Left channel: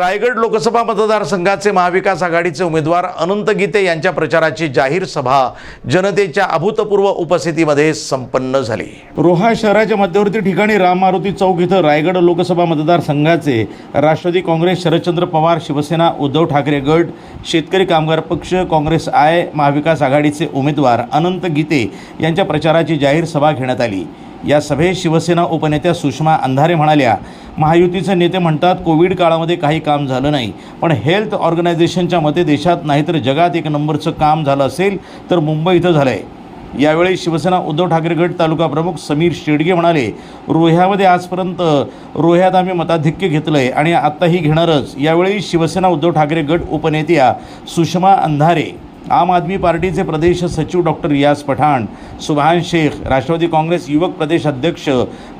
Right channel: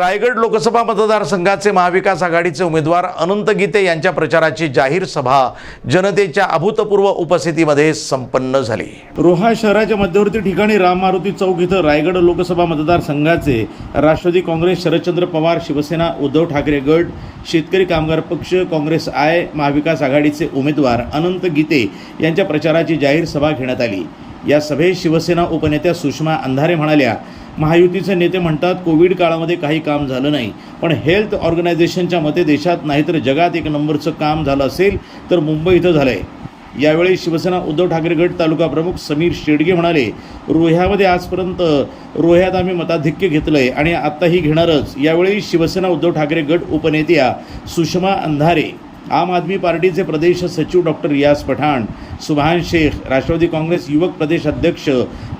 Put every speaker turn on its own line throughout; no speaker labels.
रायगड लोकसभा मतदारसंघाचे महाविकास आघाडीचे उमेदवार अनंत गीते यांच्या प्रचाराची जाहीर सभा जनतेच्या अभूतपूर्व उपस्थितीमध्ये संपन्न झाली. रोहा शहराच्या मध्यवर्ती ठिकाणी राम मारुती चौक इथं रायगड लोकसभा मतदारसंघाचे राष्ट्रवादी काँग्रेस शरदचंद्र पवार शिवसेना उद्धव ठाकरे गट शेतकरी कामगार पक्ष काँग्रेस आय महाविकास आघाडीचे उमेदवार अनंत गीते यांच्या प्रचाराची जाहीर सभा घेण्यात आली. या सभेत शिवसेना उपनेत्या सुषमा अंधारे म्हणाल्या महायुतीचे नेते म्हणतात कोविड काळामध्ये काही काम झालं नाही. पण हेल्थ ऑर्गनायझेशनच्या मते देशात नाही तर जगात एक नंबरचं काम झालं असेल तर मुंबई इथं झालं आहे यावेळी शिवसेना उद्धव ठाकरे गट तालुका प्रमुख समीर शेडगे म्हणाले रोह्यामध्ये आजपर्यंत रोह्यात आम्ही मताधिक्य घेतलं आहे आणि आत्ताही घेणारच. यावेळी शिवसेना उद्धव ठाकरे गट उपनेत्या सुषमा अंधारे आम आदमी पार्टीचे प्रदेश सचिव डॉक्टर रियाज पठाण सुभान शेख राष्ट्रवादी काँग्रेस युवक प्रदेश अध्यक्ष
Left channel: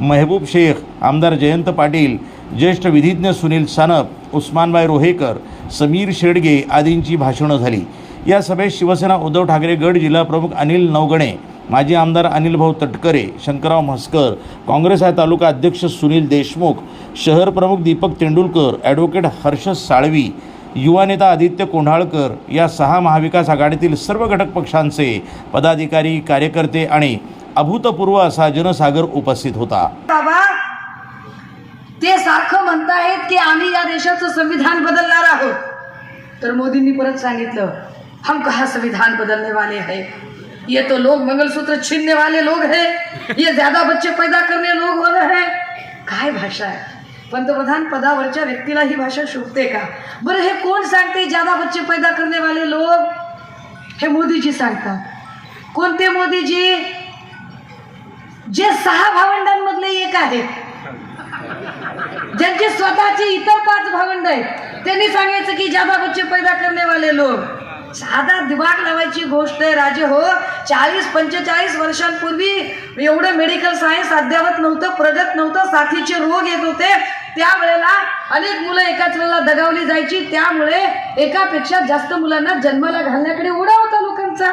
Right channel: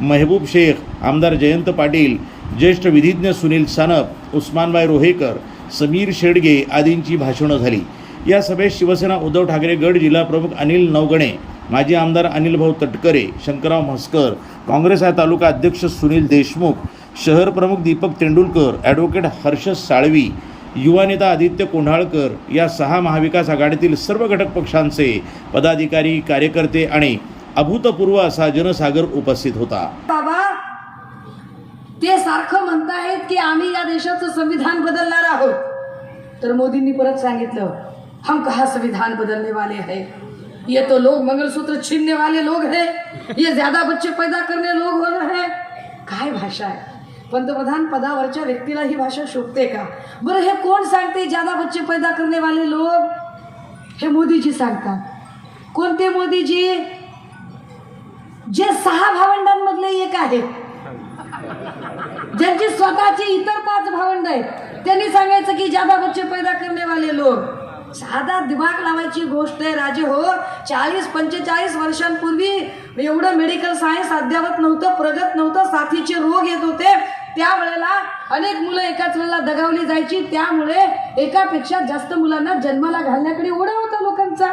महबूब शेख आमदार जयंत पाटील ज्येष्ठ विधिज्ञ सुनील सानप उस्मानबाई रोहेकर समीर शेडगे आदींची भाषणं झाली. या सभेत शिवसेना उद्धव ठाकरे गड जिल्हाप्रमुख अनिल नवगणे माजी आमदार अनिलभाऊ तटकरे शंकरराव म्हस्कर काँग्रेस आय तालुका अध्यक्ष सुनील देशमुख शहर प्रमुख दीपक तेंडुलकर ॲडव्होकेट हर्ष साळवी युवा नेता आदित्य कोंढाळकर या सहा महाविकास आघाडीतील सर्व घटक पक्षांचे पदाधिकारी कार्यकर्ते आणि अभूतपूर्व असा जनसागर उपस्थित होता.
बाबा ते सारखं म्हणतायत की आम्ही या देशाचं संविधान बदलणार आहोत. तर मोदींनी परत सांगितलं हम कहा संविधान बदलने वाले हैं? ये तो लोग मंगलसूत्र छीनने वाले लोग हैं. ये ज्यादा बच्चे पैदा करने लोग वाले हैं. काय भाषा आहे? पंतप्रधान पदावरच्या व्यक्तीला ही भाषा शोभते का? बरं हे कोण सांगते? ज्यादा बच्चे पैदा करने वाले हे मोदीजी सांगतात. कोणते मोदीजी? जे सहा भावंडांमधले एक आहेत. ज्यांचे स्वतःचे इतर पाच भावंड आहेत. त्यांनी सांगायचं की ज्यादा बच्चे पैदा करने वाले लोक साधा दिमाग लावायची गोष्ट आहे राजे हो. चाळीस पंचेचाळीस वर्षांपूर्वी एवढं मेडिकल सायन्स अद्यावत नव्हतं प्रगत नव्हतं साथीचे रोग येत होते. त्यावेळेला अनेक मुलं एकाच वेळेला दगावली जायची. त्यामुळे एकापेक्षा जास्त मुलांना जन्माला घालण्याकडे ओढा होता लोकांचा.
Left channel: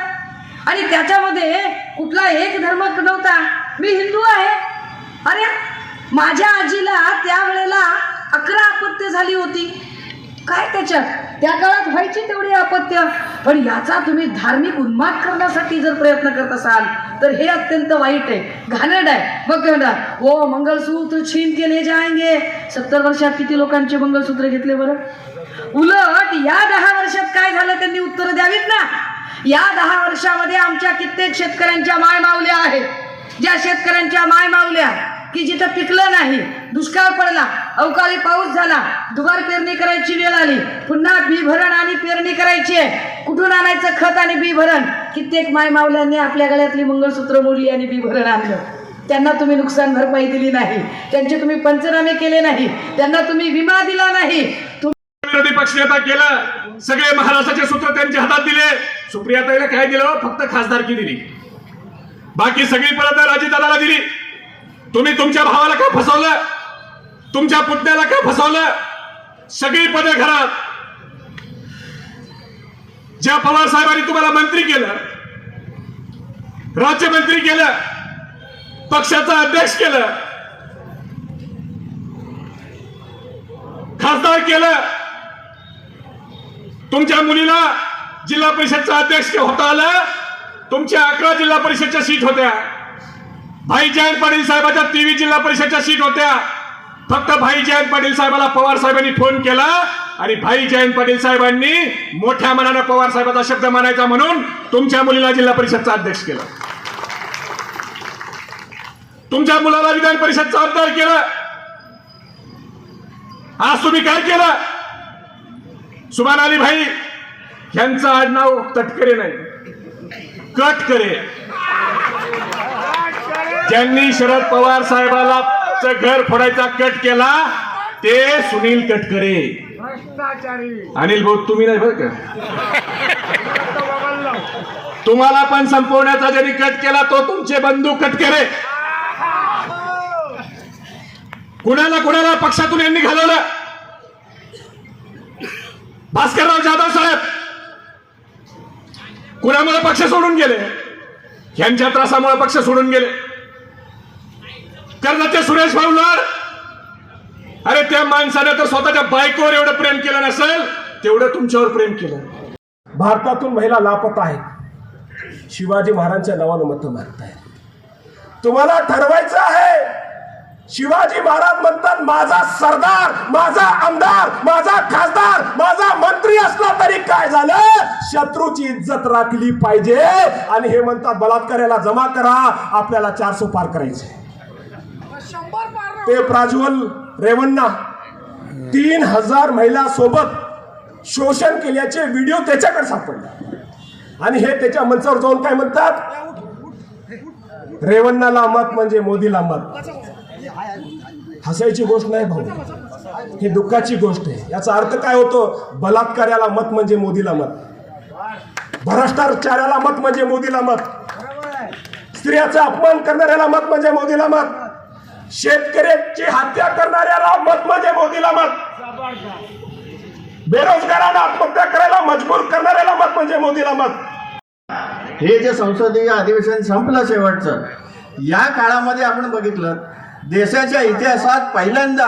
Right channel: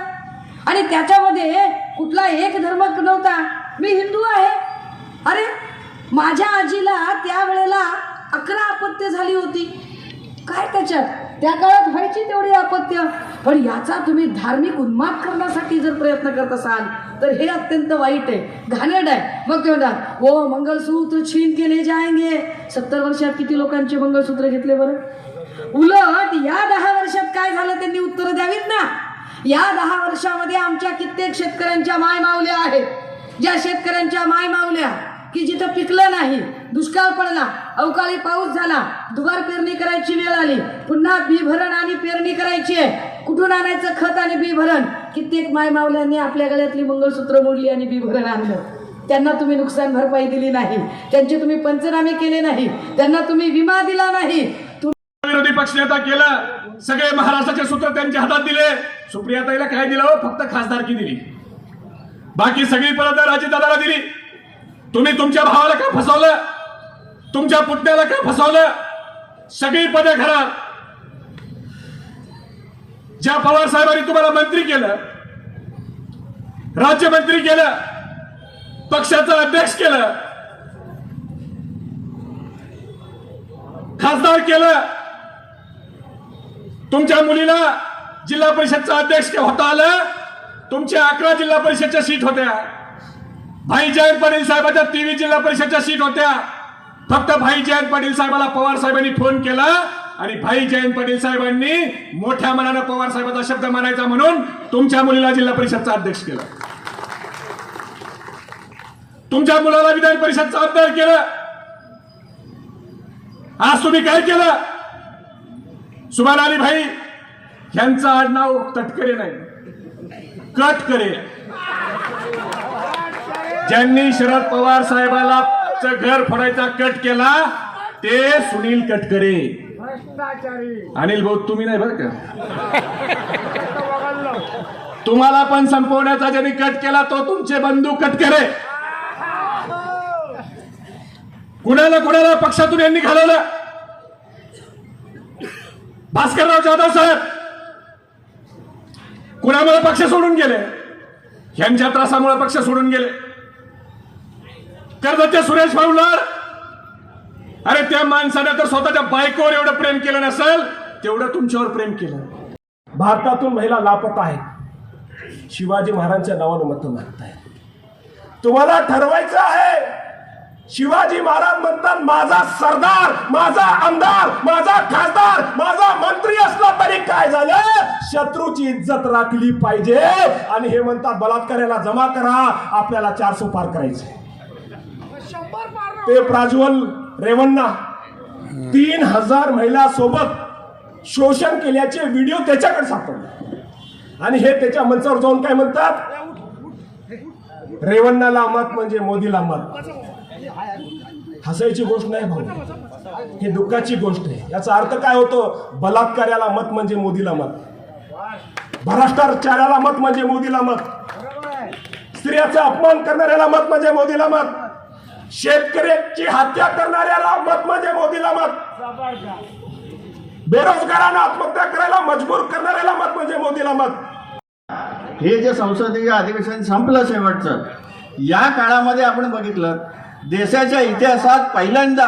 आणि त्याच्यामध्ये कुठला एक धर्म नव्हता. मी हिंदू आहे. अरे माझ्या आजीला त्यावेळेला अकरा अपत्य झाली होती. काय त्याच्यात? त्या काळात व्हायची तेवढी अपत्य पण याचा तुम्ही धार्मिक उन्माद करण्यासाठी जर प्रयत्न करत असाल तर हे अत्यंत वाईट आहे. घाणेरड आहे. मग ते म्हणतात हो, ओ मंगलसूत्र छीन के जायंगे. सत्तर वर्षात किती लोकांचे मंगलसूत्र घेतले बरं? उलट या दहा वर्षात काय झालं त्यांनी उत्तर द्यावीत ना? या दहा वर्षामध्ये आमच्या कित्येक शेतकऱ्यांच्या माय मावल्या आहेत. ज्या शेतकऱ्यांच्या माय मावल्या की जिथं पिकलं नाही दुष्काळ पडला अवकाळी पाऊस झाला दुबार पेरणी करायची वेळ आली पुन्हा बी भरण आणि पेरणी करायची आहे. कुठून आणायचं खत आणि बी भरण कित्येक माय मावल्यांनी आपल्या गळ्यातली मंगळसूत्र मोडली आणि बी भरण आणलं. त्यांना तुम्ही नुकसान भरपाई दिली नाही. त्यांचे तुम्ही पंचनामे केले नाही. त्यांना तुम्ही विमा दिला नाही. तुम्ही
विरोधी पक्षनेता केलं सगळे महाराष्ट्राचे सूत्र त्यांच्या हातात दिले. सुप्रियाताईला काय दिलं? फक्त खासदारकी दिली. बाकी सगळी पद राजीदादाला दिली. तुम्ही तुमच्या भावाला का फसवलं? तुमच्या पुतण्याला का फसवलं? सगळी पदे घरात ज्या पवार साहेबांनी तुम्हाला मंत्री केलं राज्यमंत्री केलं पक्षाचा अध्यक्ष केलं खासदार केलं तुमच्या मुलीला जिल्हा परिषदचा अध्यक्ष होता आलं तुमच्या अकरा जिल्हा परिषदच्या सीट होत्या. भाई जयंत पाटील साहेबाच्या तीन जिल्हा परिषदच्या सीट होत्या. फक्त भाई जयंत पाटील साहेबाला पवार साहेबांनी फोन केला आणि भाई जयंत पाटील साहेबांनी मोठ्या मनानं पवार साहेबाचा शब्द मानायचा म्हणून तुमच्या मुलीला जिल्हा परिषदचा अध्यक्ष केला. तुमच्या मुलाला विधान परिषदचा आमदार केलं. आज तुम्ही काय केलं? सुभान अली भाई यांचं आज नाव तटकरे नाही. कटकरे. ज्यांनी शरद पवार साहेबाला घर फोडायचा कट केला ते सुनील कटकरे. अनिल भाऊ तुम्ही नाही बरं का? तुम्हाला पण संपवण्याचा जरी कट केला तो तुमचे बंधू कटकरे. कुणाला कुणाला पक्षातून यांनी घालवलं? भास्करराव जाधव साहेब. कुणामुळे पक्ष सोडून गेले? यांच्या त्रासामुळे पक्ष सोडून गेले. कर्जतचे सुरेश भाऊ अरे त्या माणसानं तर स्वतःच्या बायकोवर एवढं प्रेम केलं नसेल तेवढं तुमच्यावर प्रेम केलं.
भारतातून महिला लापत आहेत. शिवाजी महाराजांच्या नावानं मत मागताय तुम्हाला ठरवायचं आहे शिवाजी महाराज म्हणतात माझा सरदार माझा आमदार माझा खासदार माझा मंत्री असला तरी काय झालं? शत्रूची इज्जत राखली पाहिजे. आणि हे म्हणतात बलात्काराला जमा करा आपल्याला चारसो पार करायचे. ते प्राज्वल रेवण्णा तीन हजार महिला सोबत शोषण केल्याचे व्हिडिओ त्याच्याकडे सापडले. आणि हे त्याच्या मंचावर जाऊन काय म्हणतात? रेवण्णाला मत म्हणजे मोदीला मत. हसायची गोष्ट नाही भाऊ. ही दुःखाची गोष्ट आहे. याचा अर्थ काय होतो? बलात्कार्याला मत म्हणजे मोदीला मत. भ्रष्टाचाराला मत म्हणजे मोदीला मत. स्त्रियाचा अपमान करणाऱ्याला मत म्हणजे मोदीला मत. शेतकऱ्याची हत्या करणाऱ्याला मत म्हणजे मोदीला मत. बेरोजगारांना आत्महत्या करायला मजबूर करणाऱ्याला मत म्हणजे मोदीला मत.
हे जे संसदीय अधिवेशन संपलं शेवटचं या काळामध्ये आपण बघितलं देशाच्या इतिहासात पहिल्यांदा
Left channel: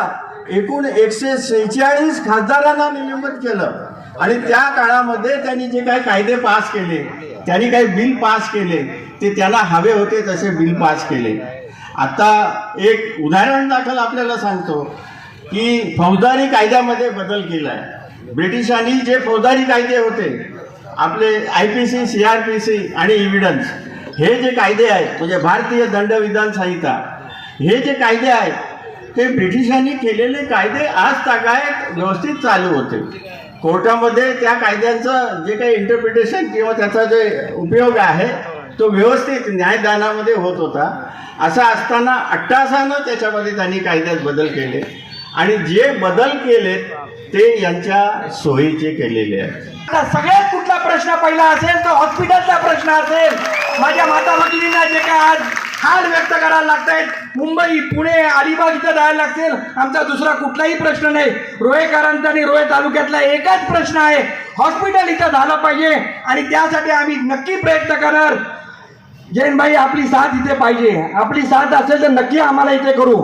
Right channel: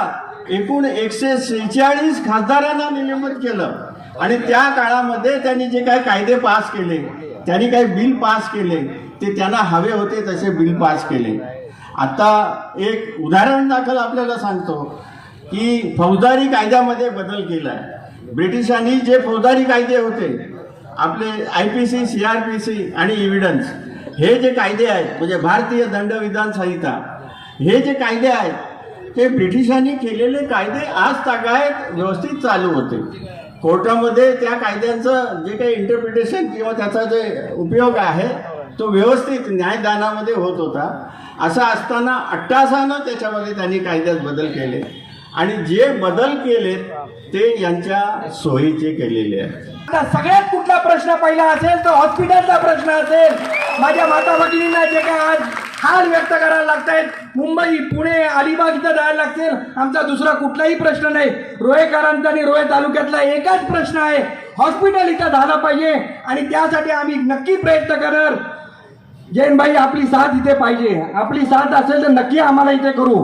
एकूण एकशे शेहेचाळीस खासदारांना निलंबित केलं. आणि त्या काळामध्ये त्यांनी जे काही कायदे पास केले त्यांनी काही बिल पास केले ते त्याला हवे होते तसे बिल पास केले. आता एक उदाहरण दाखल आपल्याला सांगतो की फौजदारी कायद्यामध्ये बदल केला आहे ब्रिटिशांनी जे फौजदारी कायदे होते आपले I P C C R P C आणि इव्हिडन्स हे जे कायदे आहेत म्हणजे भारतीय दंडविधान संहिता हे जे कायदे आहेत ते ब्रिटिशांनी केलेले कायदे आज तागायत व्यवस्थित चालू होते. कोर्टामध्ये त्या कायद्यांचं जे काही इंटरप्रिटेशन किंवा त्याचा जे उपयोग आहे तो व्यवस्थित न्यायदानामध्ये होत होता. असं असताना अट्टासानं त्याच्यामध्ये त्यांनी कायद्यात बदल केले. आणि जे बदल केले ते यांच्या सोयीचे केलेले आहेत.
सगळ्यात कुठला प्रश्न पहिला असेल तो हॉस्पिटलचा प्रश्न असेल. माझ्या माता भगिनींना जे काय आज हाल व्यक्त करायला लागत आहेत मुंबई पुणे अलिबाग इथं जायला लागतील. आमचा दुसरा कुठलाही प्रश्न नाही. रोहेकरांचा आणि रोहे तालुक्यातला एकच प्रश्न आहे. हॉस्पिटल इथं झालं पाहिजे. आणि त्यासाठी आम्ही नक्की प्रयत्न करणार. जैनबाई आपली साथ इथे पाहिजे. आपली साथ असेल तर नक्की आम्हाला इथे करू.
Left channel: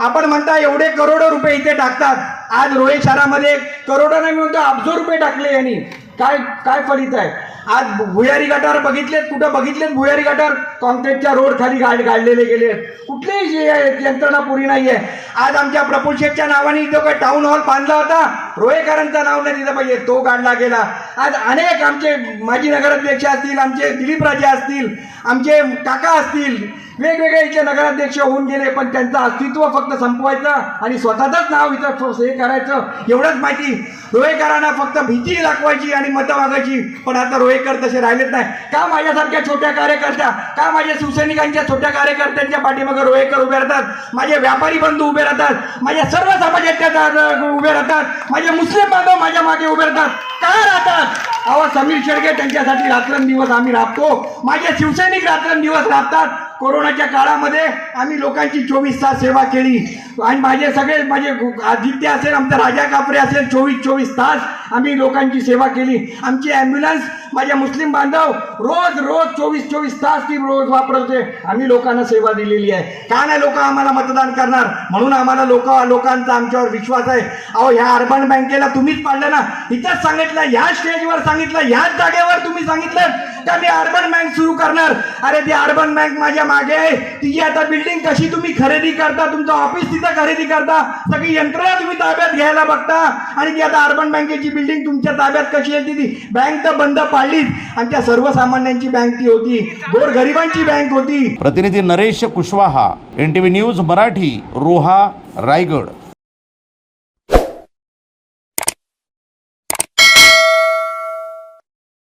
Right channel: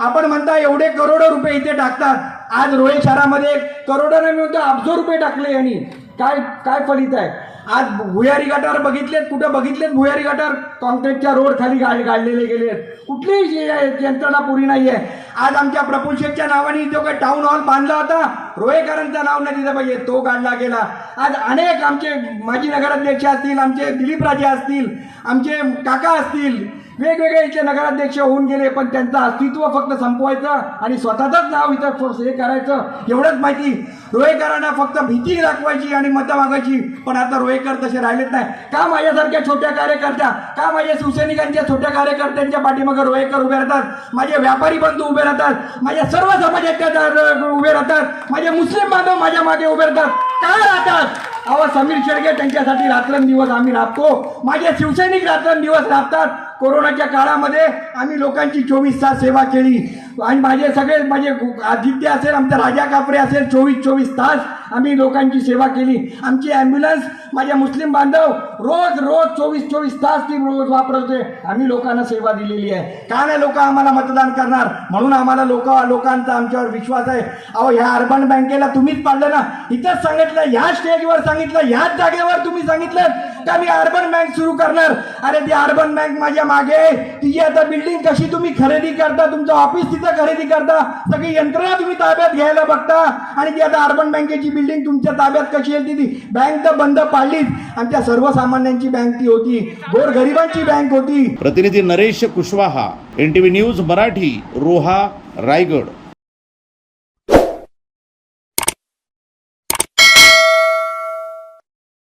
आपण म्हणता एवढे करोडो रुपये इथे टाकतात. आज रोहित शहरामध्ये करोडो नाही म्हणतो अब्जो रुपये टाकले यांनी. काय काय फलित आहे? आज भुयारी गटार बघितलेत कुठं बघितलेत भुयारी गटार? कॉन्क्रीटच्या रोड खाली गाड गाडलेले गेले. कुठलेही कुठलीही जे यंत्रणा पुरी नाही आहे आज आमच्या प्रफुल शेठच्या नावाने इथं काय टाऊन हॉल बांधला होता? रोहेकरांचं नाव नाही दिलं पाहिजे तो काढला गेला. आज अनेक आमचे माजी नगराध्यक्ष असतील आमचे दिलीपराजे असतील आमचे काका असतील वेगवेगळे इथे नगराध्यक्ष होऊन गेले पण त्यांचं अस्तित्व फक्त संपवायचं आणि स्वतःचंच नाव इथं हे करायचं एवढंच माहिती. रोहेकरांना फक्त भीती दाखवायची आणि मतं मागायची पण आता रोहे रोहेकर तसे राहिलेत नाही. का माझ्यासारख्या छोट्या कार्यकर्त्या का माझ्या शिवसैनिकांच्या छोट्या कार्यकर्त्यांच्या पाठीमागे रोहेकर उभे राहतात? माझे व्यापारी बंधू उभे राहतात. माझ्या सर्व समाजाच्या उभे राहतात. माझे मुस्लिम बांधव माझ्या मागे उभे राहतात. का राहतात? अहो समीर शेडगे त्यांच्यासाठी रात्रंदिवस आम्ही राबतो. माझे शिवसैनिक रात्रंदिवस राबतात. कोरोनाच्या काळामध्ये आम्ही लोकांची चोवीस तास सेवा केली. आणि माझे सगळे माझे आदित्य असेल आमचा राजा कापरे असेल चोवीस चोवीस तास आम्ही लोकांची सेवा केली. आमची ॲम्ब्युलन्स माझ्या मुस्लिम बांधव रोज रोज चोवीस चोवीस तास ती रोज वापरते. आम्ही लोकांना सेवा दिलेली आहे. का नाही लोक आम्हाला मतदान करणार? म्हणून आम्हाला लोक लोकांचा आमच्यावर विश्वास आहे. अहो ह्या अर्बन बँकेला तुम्हीच पाडलं ना? इथंच सांगितलं ह्या स्टेजवर सांगितलं ह्याच जागेवर तुम्ही सांगितलं का मी अर्बन बँक सुरू करणार? अरे ती अर्बन बँक माझ्या मागे आहे. तिची आता बिल्डिंग कशी तुम्ही खरेदी करता? तुमचं ऑफिस तिथं खरेदी करता? सगळी यंत्रणा तुम्ही ताब्यात घ्यायला बघता. आणि ती आता अर्बन बँकेची बिल्डिंग तुमच्या ताब्यात कशी येईल ती बँक तर बंद पाहिजे. आणि आमच्या सर्वसामान्यांची बँक ती होती. गोरगरिबांची बँक होती.
प्रतिनिधी Naresh Kushwaha N T news Marathi Roha Raigad.